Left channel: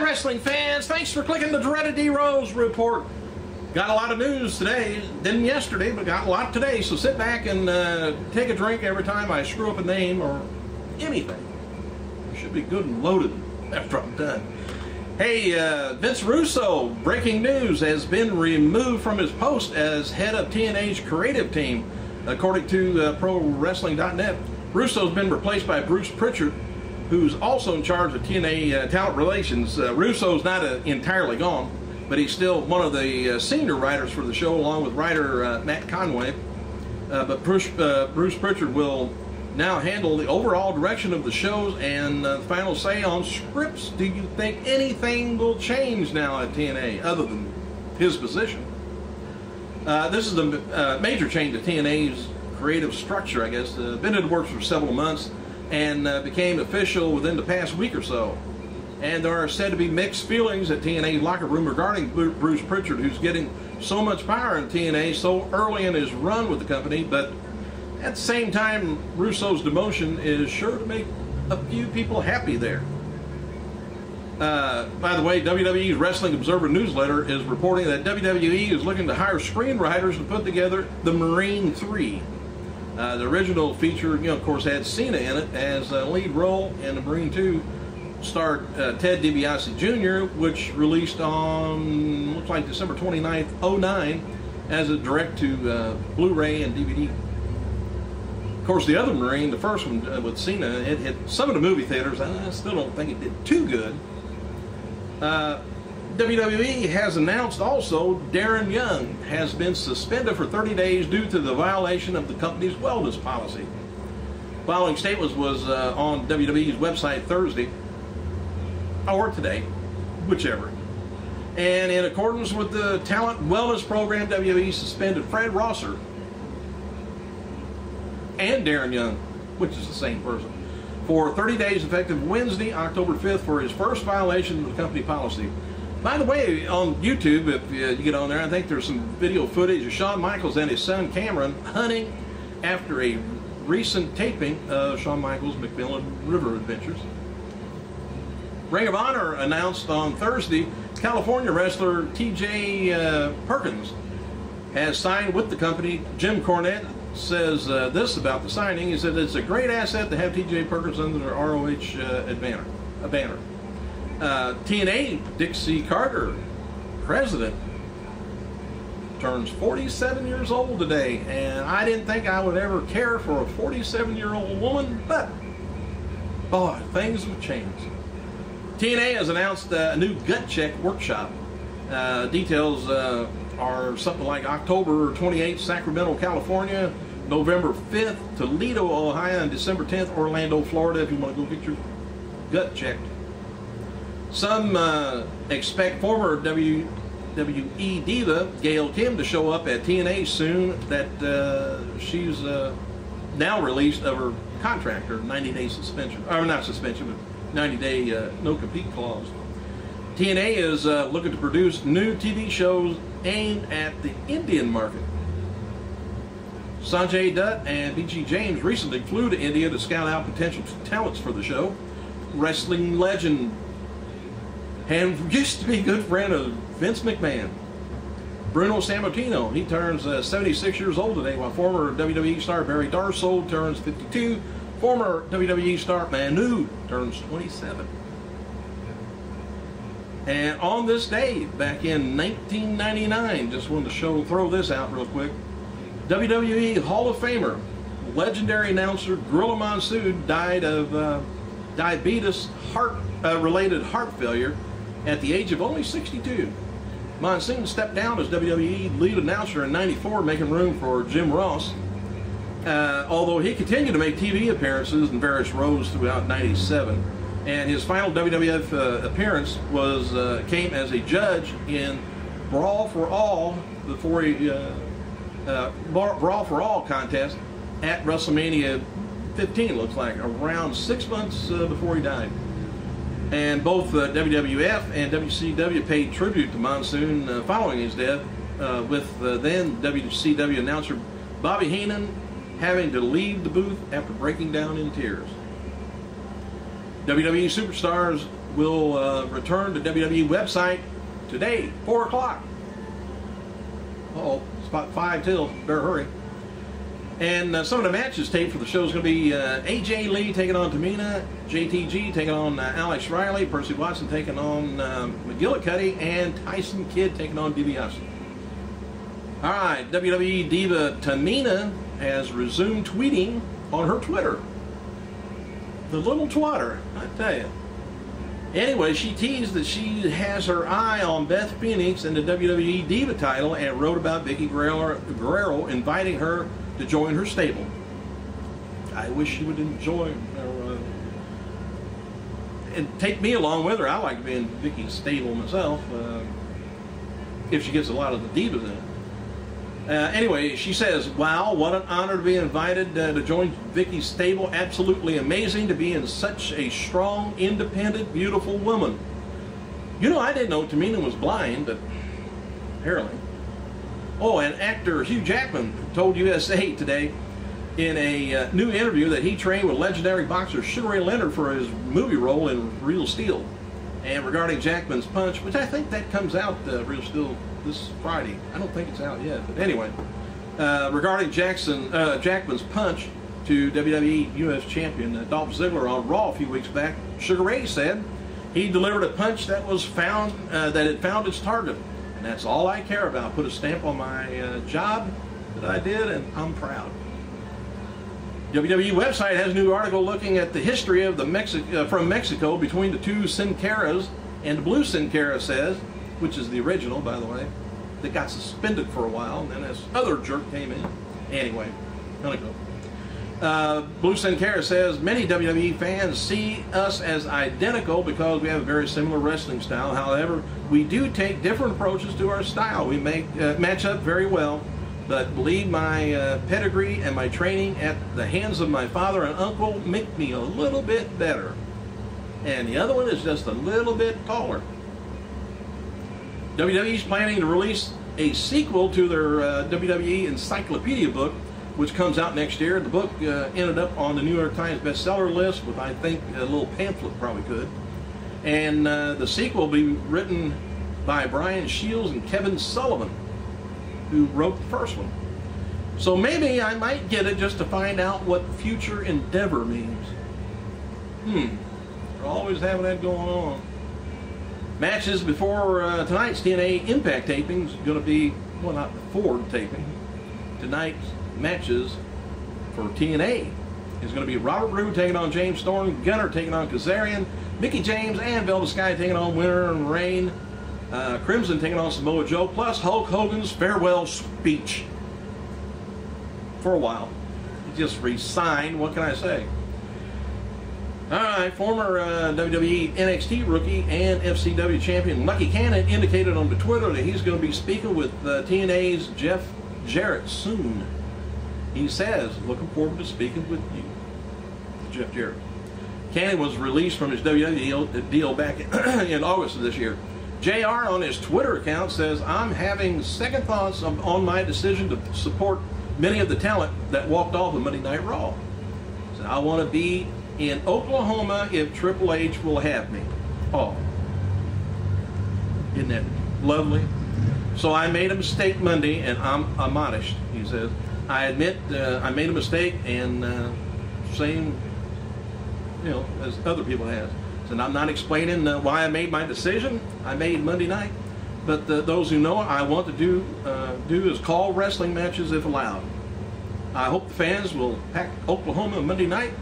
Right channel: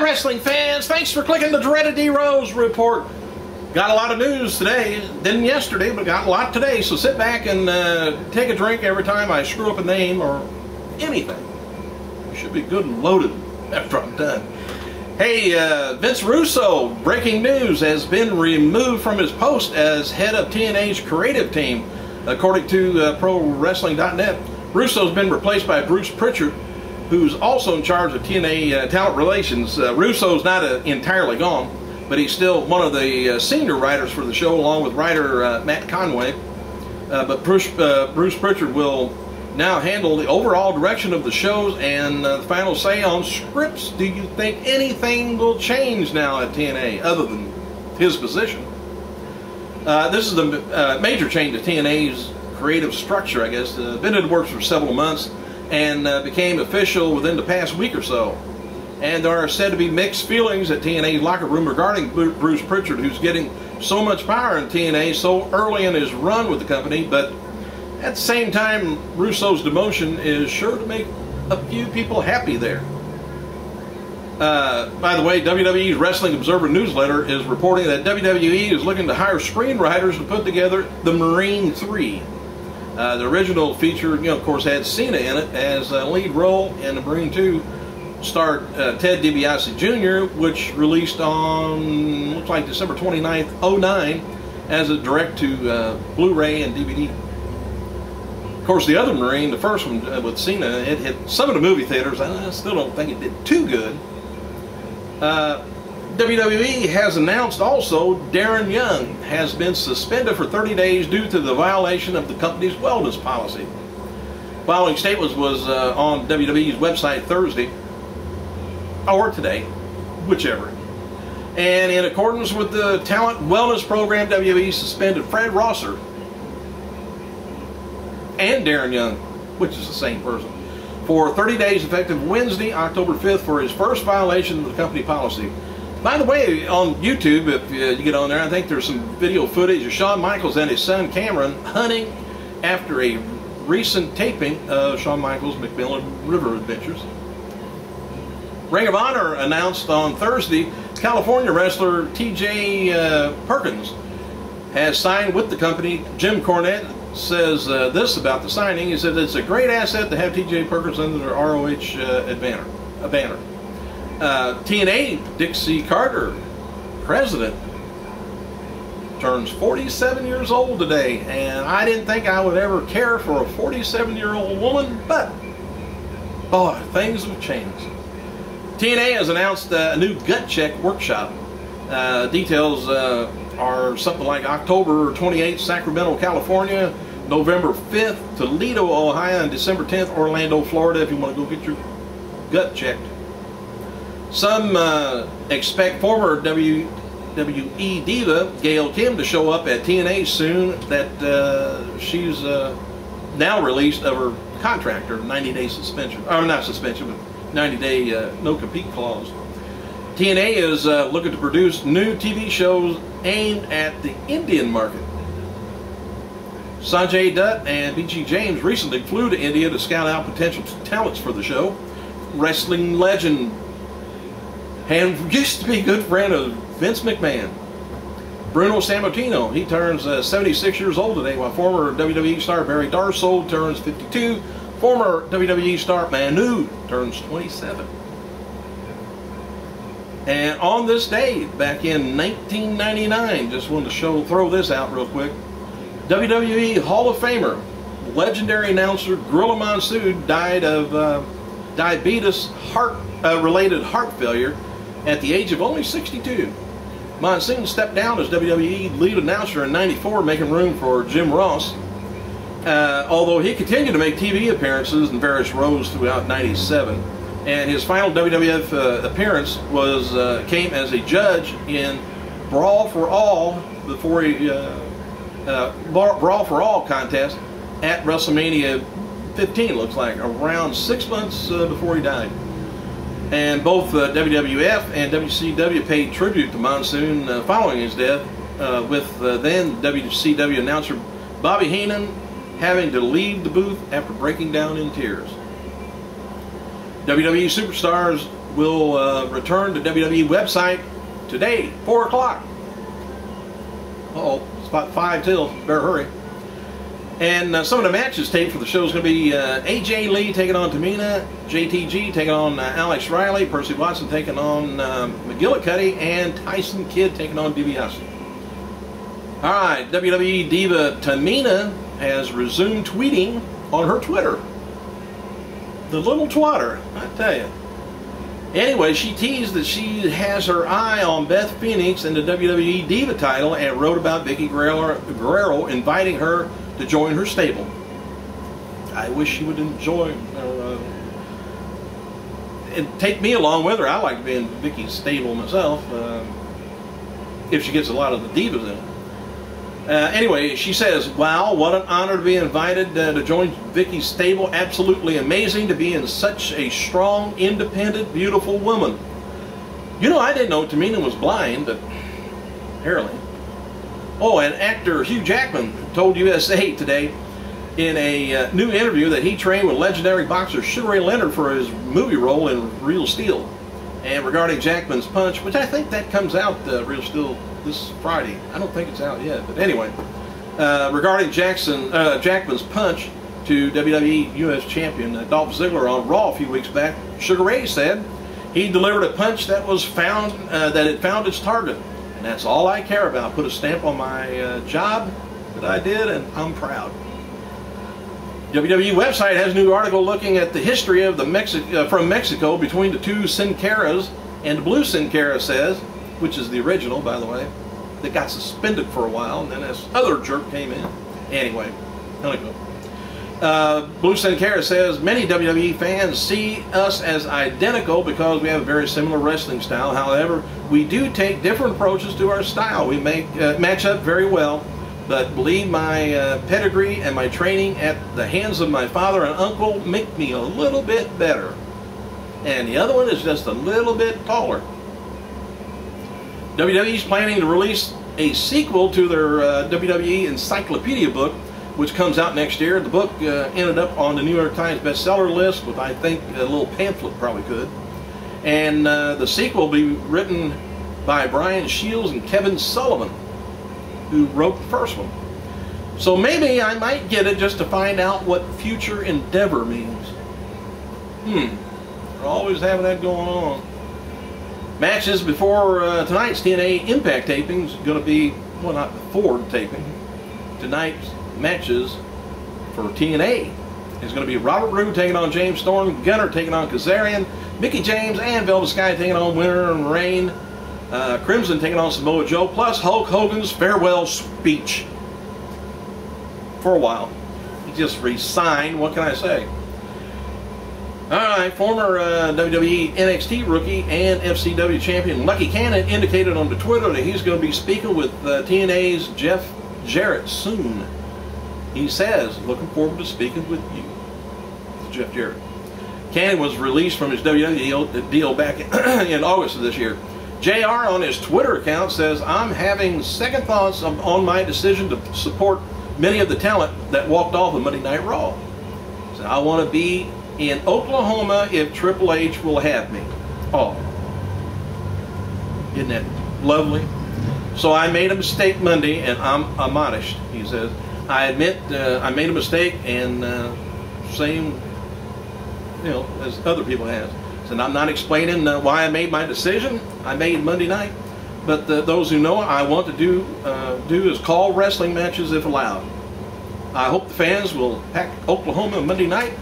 Hi, wrestling fans. Thanks for clicking the dreaded D-Rose report. Got a lot of news today. Didn't yesterday, but got a lot today. So sit back and take a drink every time I screw up a name or anything. You should be good and loaded after I'm done. Hey, Vince Russo, breaking news, has been removed from his post as head of TNA's creative team. According to ProWrestling.net, Russo's been replaced by Bruce Pritchard, who's also in charge of TNA talent relations. Russo's not entirely gone, but he's still one of the senior writers for the show, along with writer Matt Conway. But Bruce Pritchard will now handle the overall direction of the shows and the final say on scripts. Do you think anything will change now at TNA other than his position? This is a major change to TNA's creative structure, I guess. Been in the works for several months and became official within the past week or so. And there are said to be mixed feelings at TNA's locker room regarding Bruce Pritchard, who's getting so much power in TNA so early in his run with the company. But at the same time, Russo's demotion is sure to make a few people happy there. By the way, WWE's Wrestling Observer newsletter is reporting that WWE is looking to hire screenwriters to put together the Marine 3. The original feature, of course, had Cena in it as a lead role, and the Marine 2 starred Ted DiBiase Jr., which released on, looks like December 29th, 2009, as a direct to Blu-ray and DVD. Of course, the other Marine, the first one with Cena, it hit some of the movie theaters. I still don't think it did too good. WWE has announced also Darren Young has been suspended for 30 days due to the violation of the company's wellness policy. Following statements was on WWE's website Thursday, or today, whichever. And in accordance with the talent wellness program, WWE suspended Fred Rosser and Darren Young, which is the same person, for 30 days effective Wednesday, October 5th, for his first violation of the company policy. By the way, on YouTube, if you get on there, I think there's some video footage of Shawn Michaels and his son Cameron hunting after a recent taping of Shawn Michaels' McMillan River Adventures. Ring of Honor announced on Thursday California wrestler T.J. Perkins has signed with the company. Jim Cornette says this about the signing. He said it's a great asset to have T.J. Perkins under the ROH banner. TNA Dixie Carter, president, turns 47 years old today, and I didn't think I would ever care for a 47-year-old woman, but boy, things have changed. TNA has announced a new gut check workshop. Details are something like October 28th, Sacramento, California, November 5th, Toledo, Ohio, and December 10th, Orlando, Florida, if you want to go get your gut checked. Some expect former WWE diva Gail Kim to show up at TNA soon, that she's now released of her contract, her 90-day suspension, or not suspension, but 90-day no-compete clause. TNA is looking to produce new TV shows aimed at the Indian market. Sanjay Dutt and B.G. James recently flew to India to scout out potential talents for the show. Wrestling legend and used to be a good friend of Vince McMahon, Bruno Sammartino, he turns 76 years old today, while former WWE star Barry Darsow turns 52. Former WWE star Manu turns 27. And on this day, back in 1999, just wanted to throw this out real quick, WWE Hall of Famer, legendary announcer Gorilla Monsoon died of diabetes, related heart failure at the age of only 62. Monsoon stepped down as WWE lead announcer in '94, making room for Jim Ross. Although he continued to make TV appearances in various roles throughout '97, and his final WWF appearance came as a judge in Brawl for All Brawl for All contest at WrestleMania 15. Looks like around 6 months before he died. And both WWF and WCW paid tribute to Monsoon following his death, with then WCW announcer Bobby Heenan having to leave the booth after breaking down in tears. WWE superstars will return to WWE website today, 4 o'clock. Uh-oh, it's about 5 till. Better hurry. And some of the matches taped for the show is going to be AJ Lee taking on Tamina, JTG taking on Alex Riley, Percy Watson taking on McGillicuddy, and Tyson Kidd taking on DiBiase. All right, WWE diva Tamina has resumed tweeting on her Twitter. The little twatter, I tell you. Anyway, she teased that she has her eye on Beth Phoenix and the WWE Diva title and wrote about Vicky Guerrero inviting her to join her stable. I wish she would enjoy and take me along with her. I like to be in Vicky's stable myself, if she gets a lot of the divas in it. Anyway, she says, wow, what an honor to be invited to join Vicky's stable. Absolutely amazing to be in such a strong, independent, beautiful woman. You know, I didn't know Tamina was blind, but apparently. Oh, and actor Hugh Jackman told USA Today in a new interview that he trained with legendary boxer Sugar Ray Leonard for his movie role in Real Steel. And regarding Jackman's punch, which I think that comes out Real Steel this Friday. I don't think it's out yet, but anyway. Regarding Jackman's punch to WWE U.S. Champion Dolph Ziggler on Raw a few weeks back, Sugar Ray said he delivered a punch that was that it found its target. And that's all I care about. Put a stamp on my job that I did, and I'm proud. WWE website has a new article looking at the history of the from Mexico between the two Sin Caras, and the blue Sin Cara says, which is the original, by the way, that got suspended for a while, and then this other jerk came in. Anyway, let it go. Blue Sin Cara says, many WWE fans see us as identical because we have a very similar wrestling style. However, we do take different approaches to our style. We match up very well, but believe my pedigree and my training at the hands of my father and uncle make me a little bit better. And the other one is just a little bit taller. WWE is planning to release a sequel to their WWE Encyclopedia book, which comes out next year. The book ended up on the New York Times bestseller list with, I think, a little pamphlet probably could. And the sequel will be written by Brian Shields and Kevin Sullivan, who wrote the first one. So maybe I might get it just to find out what future endeavor means. They're always having that going on. Matches before tonight's TNA Impact tapings going to be, well, not before taping. Tonight's matches for TNA is going to be Robert Roode taking on James Storm, Gunner taking on Kazarian, Mickie James and Velvet Sky taking on Winter and Reign, Crimson taking on Samoa Joe, plus Hulk Hogan's farewell speech. For a while. He just resigned, what can I say? Alright, former WWE NXT rookie and FCW champion Lucky Cannon indicated on the Twitter that he's going to be speaking with TNA's Jeff Jarrett soon. He says, looking forward to speaking with you, to Jeff Jarrett. Cannon was released from his WWE deal back in August of this year. JR on his Twitter account says, I'm having second thoughts on my decision to support many of the talent that walked off of Monday Night Raw. So I want to be in Oklahoma if Triple H will have me. Oh, isn't that lovely? So I made a mistake Monday, and I'm admonished, he says. I admit I made a mistake, and same, you know, as other people have. And I'm not explaining why I made my decision I made Monday night, but those who know I want to do is call wrestling matches if allowed. I hope the fans will pack Oklahoma Monday night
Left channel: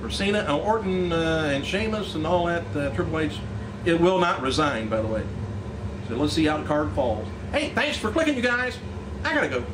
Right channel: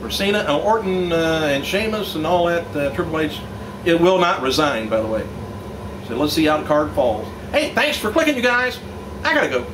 for Cena and Orton and Sheamus and all that. Triple H, it will not resign, by the way. So let's see how the card falls. Hey, thanks for clicking, you guys. I gotta go.